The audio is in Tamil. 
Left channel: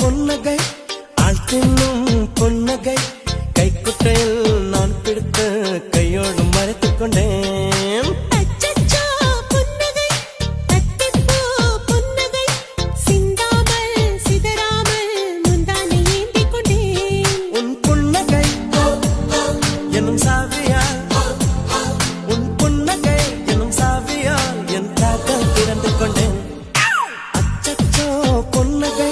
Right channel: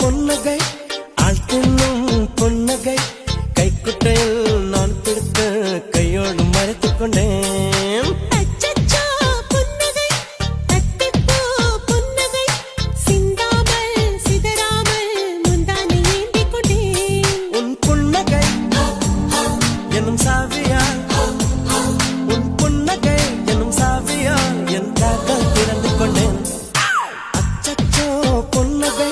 பொன்னகை ஆள் தின்னும் பொன்னகை கைக்குட்டையில் நான் பிடித்து கையோடு மறைத்துக் கொண்டேன். அச்சச்சோ புன்னகை அத்திப்பூ புன்னகை சிந்தாமல் சிதறாமல் முந்தானை ஏந்திக் கொண்டேன். உன் புன்னகை எனும் சாவியால் உன் புன்னகை எனும் சாவியால் என் காதல் திறந்து கொண்டேன். அச்சச்சோ பொன்னகை